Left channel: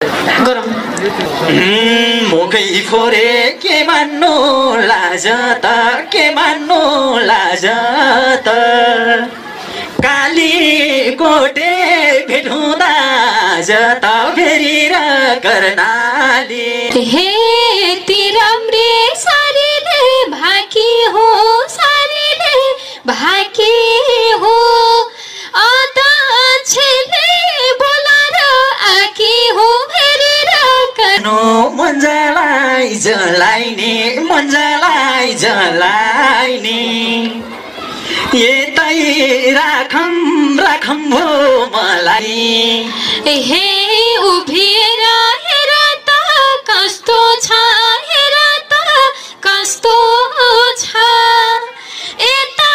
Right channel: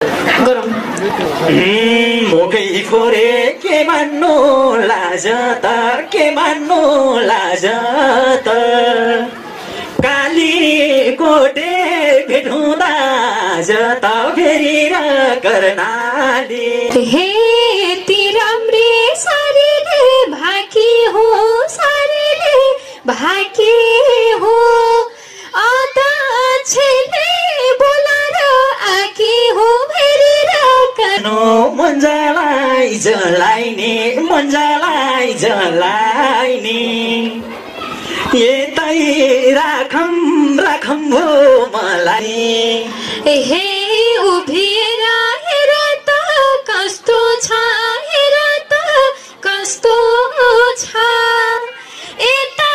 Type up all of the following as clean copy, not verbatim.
गरौँ। मुखै फोरे के मान्नु लाज त के मान्नु लाज त काली कोटे भेट हुँदा त फेरि र कर्णाली हे ती राम्रे सारीले भाकी हो सारीले भाकी हो अदक्षले बोलाएर आकी हो फेरि र नो मन्जलाई जलाइने मन्जलाई जलाइने यतै राखम राखम भो मलाई हे उभिएर हेर त कस्तो छ हेर त कस्तो छ यता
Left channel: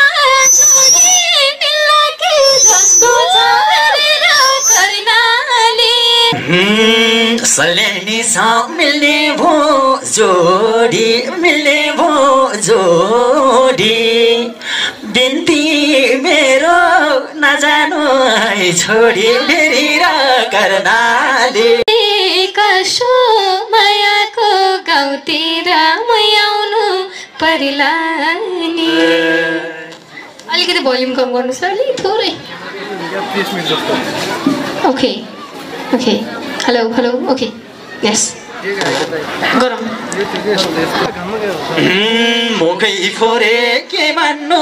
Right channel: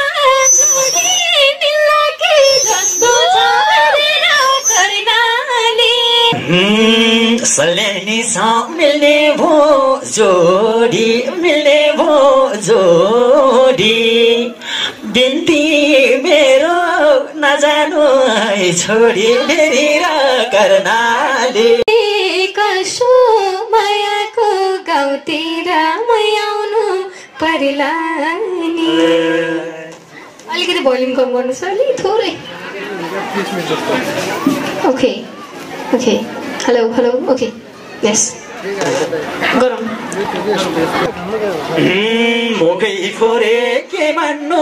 झुले निलके जस्तो छ हेरेर कर्णाली सल्यानी सा मिल्ने भो जोडी मिल्ने भो जोडी बिन्ती मेरो नजानु है छोडी फेरि र कर्णाली कसो मायाको गाउँतिर मै आउनु परिला नि। अलिकति भोल्युम कम गर्नुहोस् अलि थोरै। Okay okay hello hello okay yes गरौँ। मुखै फोरे के मान्नु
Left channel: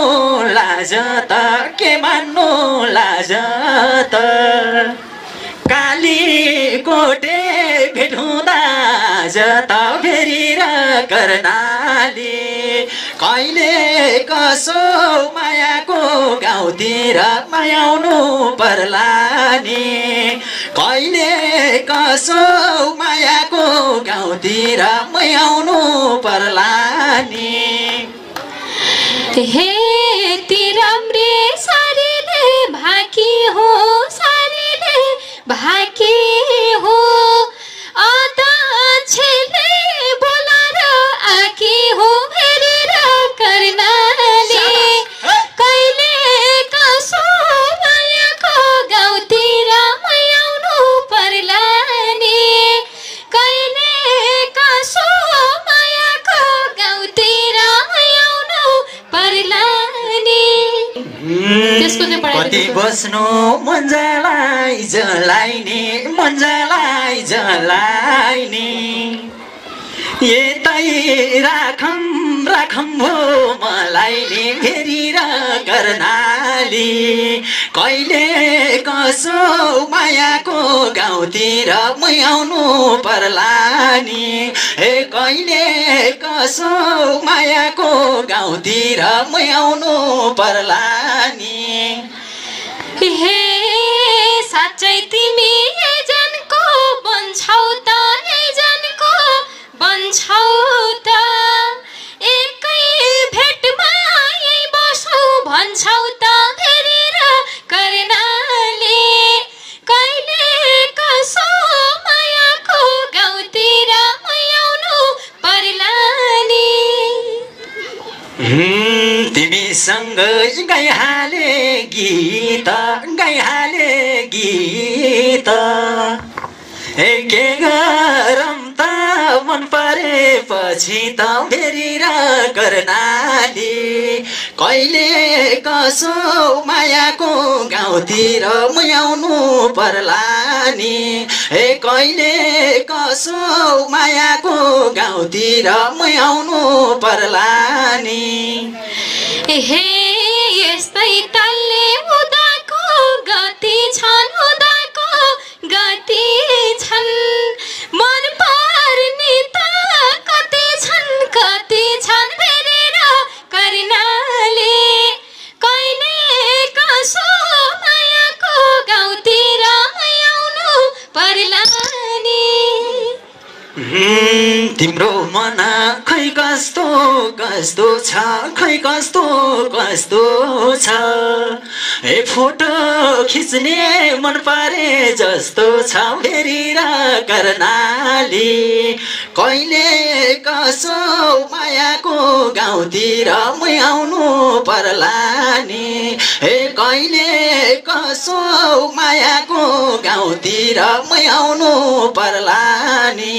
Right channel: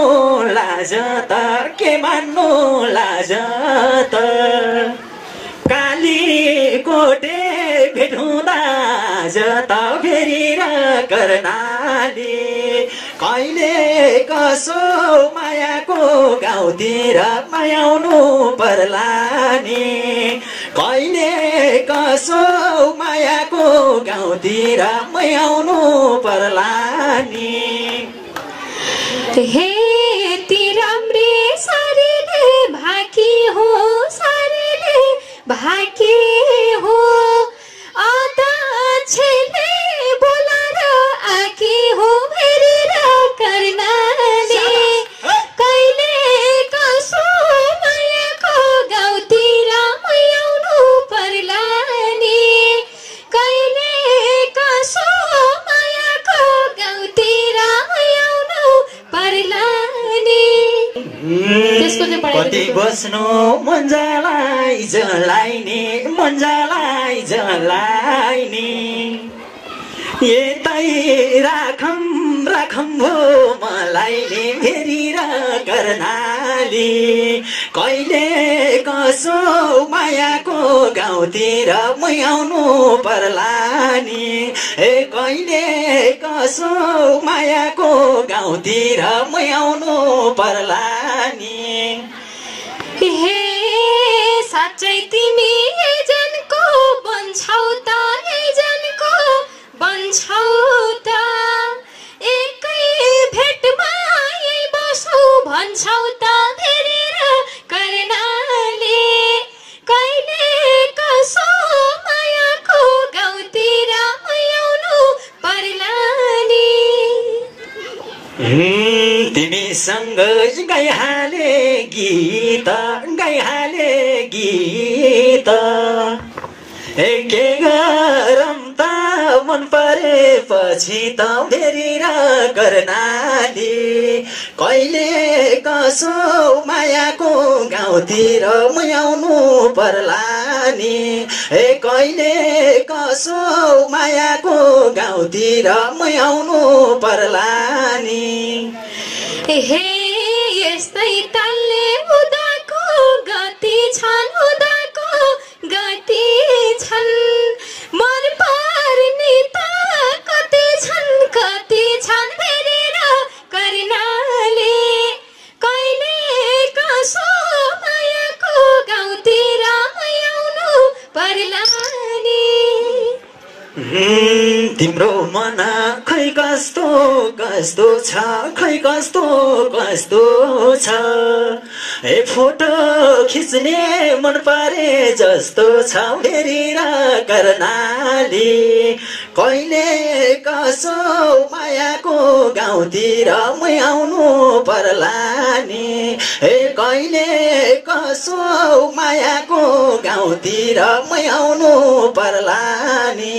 लाज त के मान्नु लाज त काली कोटे भेट हुँदा त फेरि र कर्णाली कहिले कसो मायाको गाउँतिर मायाउनु पर्ला नि कहिले कसो मायाको गाउँतिर मायाउनु पर्ला नि हे ती राम्रे सारीले भाकी हो सारीले भाकी हो अदक्षले बोलाएर आकी हो फेरि र कर्णाली कहिले कसो मायाको गाउँतिर मै आउनु पर्ला नि कहिले कसो मायाको गाउँतिर मै आउनु पर्ला नि। त्यसको चाहिँ कति बस्नु मन्जलाई जलाइने मन्जलाई जलाइने यतै राखम राखम भो मलाई नि फेरि र कर्णाली कहिले कसो मायाको गाउँतिर मै आउनु पर्ला नि हे कहिले कसो मायाको गाउँतिर मै आउनु पर्ला नि हे साँच्चै तिमी एजेन्टको बन्छौ त एजेन्टको बन्छौ त एकै भेटमा यही बसौ भन्छौ त फेरि र कर्णाली कहिले कसो मायाको गाउँतिर मै आउनु पर्ला नि। तिमीसँग गाइहाले गीत गाइहाले गीत के गरम त मन परेपछि त फेरि र कर्णाली कहिले कसो मायाको गाउँतिर मै आउनु पर्ला नि हे कहिले कसो मायाको गाउँतिर मै आउनु पर्ला नि हे यस्तै तालले उदाको गति छन् उदाको गति छन् मन पर्ने त कति छन् फेरि र कर्णाली कहिले कसो मायाको गाउँतिर मै आउनु पर्ला नि। तिम्रो मन खै कस्तो कस्तो छ खै कस्तो कस्तो छ ए फोटो खिच्ने मन पारे जस्तो छ फेरि र कर्णाली कहिले कसो मायाको गाउँतिर म आउनु पर्ला नि ए कहिले कसो मायाको गाउँतिर म आउनु पर्ला नि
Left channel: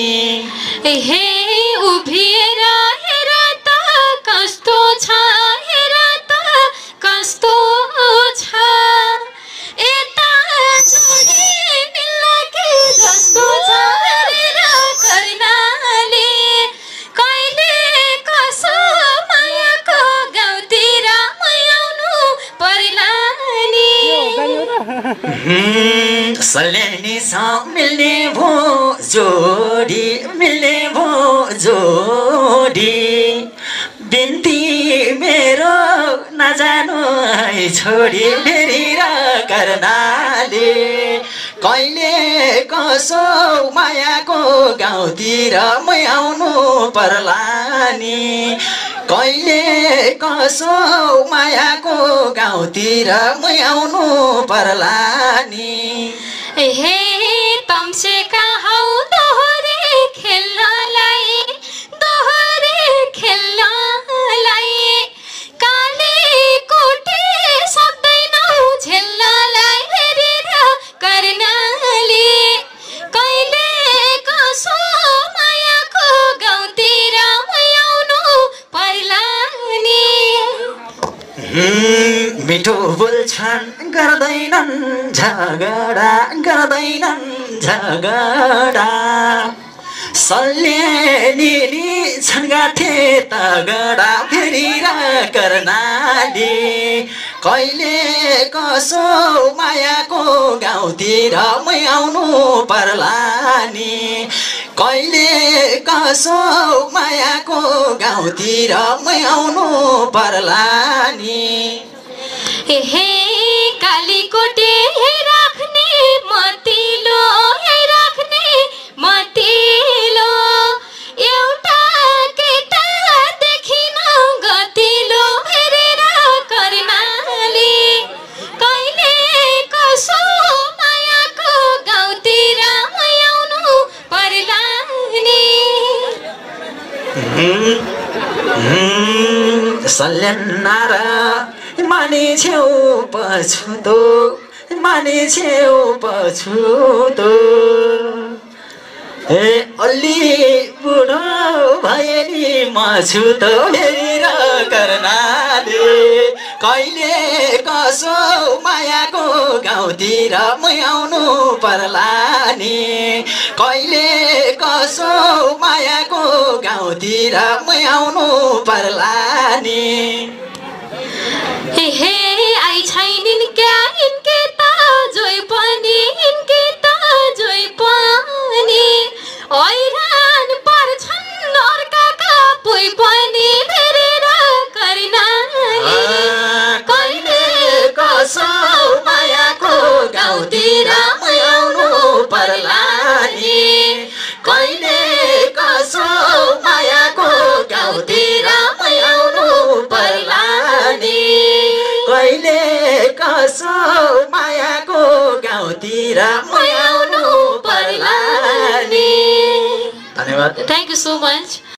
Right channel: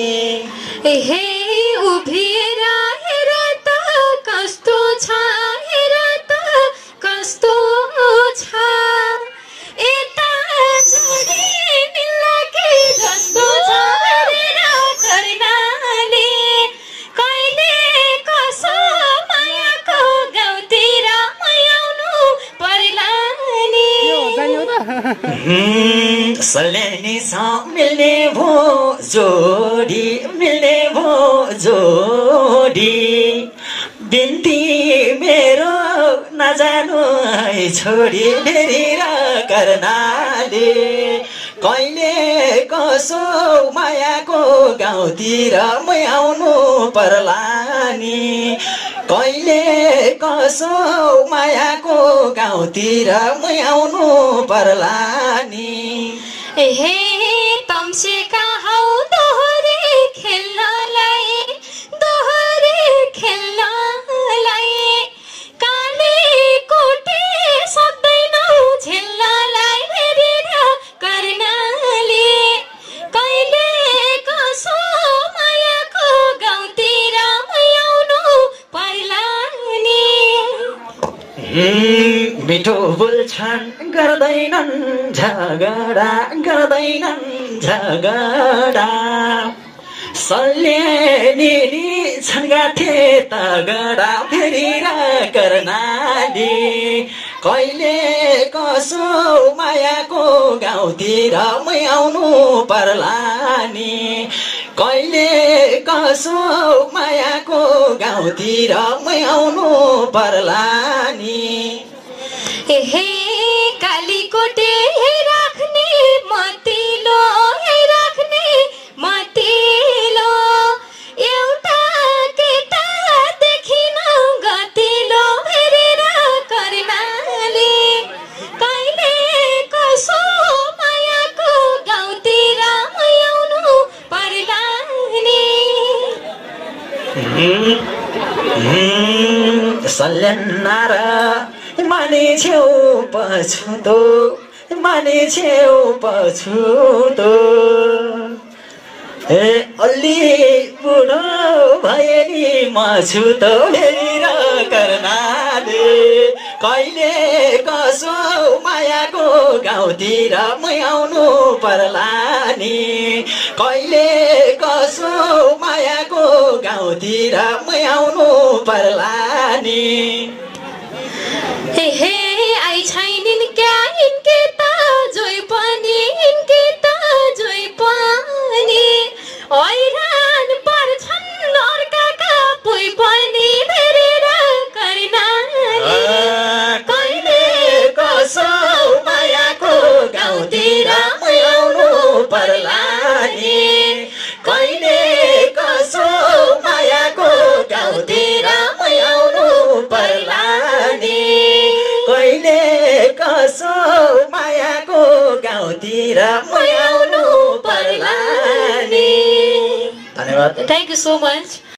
हे उभिएर हेर त कस्तो छ हेर त कस्तो छ यता जोडी मिल्लाके जस्तो छ हेरेर कर्णाली कहिले कसो मायाको गाउँतिर म आउनु पर्ला नि सल्यानी सँग मिल्ने भो जोडी मिल्ने भो जोडी बिन्ती मेरो नजानु है छोडी फेरि र कर्णाली कहिले कसो मायाको गाउँतिर म आउनु पर्ला नि कहिले कसो मायाको गाउँतिर म आउनु पर्ला नि हे तम्सेका हौ दोहोरी खेल्नलाई काली कोठी सक्दैनौ झेल्नलाई हेरेर कर्णाली कहिले कसो मायाको गाउँतिर म आउनु पर्ला नि मिठो बोल्छन् गर्दैनन् झगडा सल्यानी छन् गाथे तगडा फेरि र कर्णाली कहिले कसो मायाको गाउँतिर म आउनु पर्ला नि कहिले कसो मायाको गाउँतिर म आउनु पर्ला नि हे कालीकोटे राख्ने मतिलो एउटा केटा देखिन गतिलो हेरेर कर्णाली कहिले कसो मायाको गाउँतिर म आउनु पर्ला नि सल्यानार माने छेउ पछुतो ए अलि बुढो भए नि म छु त फेरि र कर्णाली कहिले कसो मायाको गाउँतिर म आउनु पर्ला नि कहिले कसो मायाको गाउँतिर म आउनु पर्ला नि हे आई छैनिन् क्या इनके त जोइ पनि हैरान पर्छन् अर्काका पोइ पनि हेरेर कर्णाली कहिले कसो मायाको गाउँतिर म आउनु पर्ला नि कहिले कसो मायाको गाउँतिर म आउनु पर्ला नि कहिले कसो मायाको गाउँतिर म आउनु पर्ला नि धन्यवाद Thank you so much.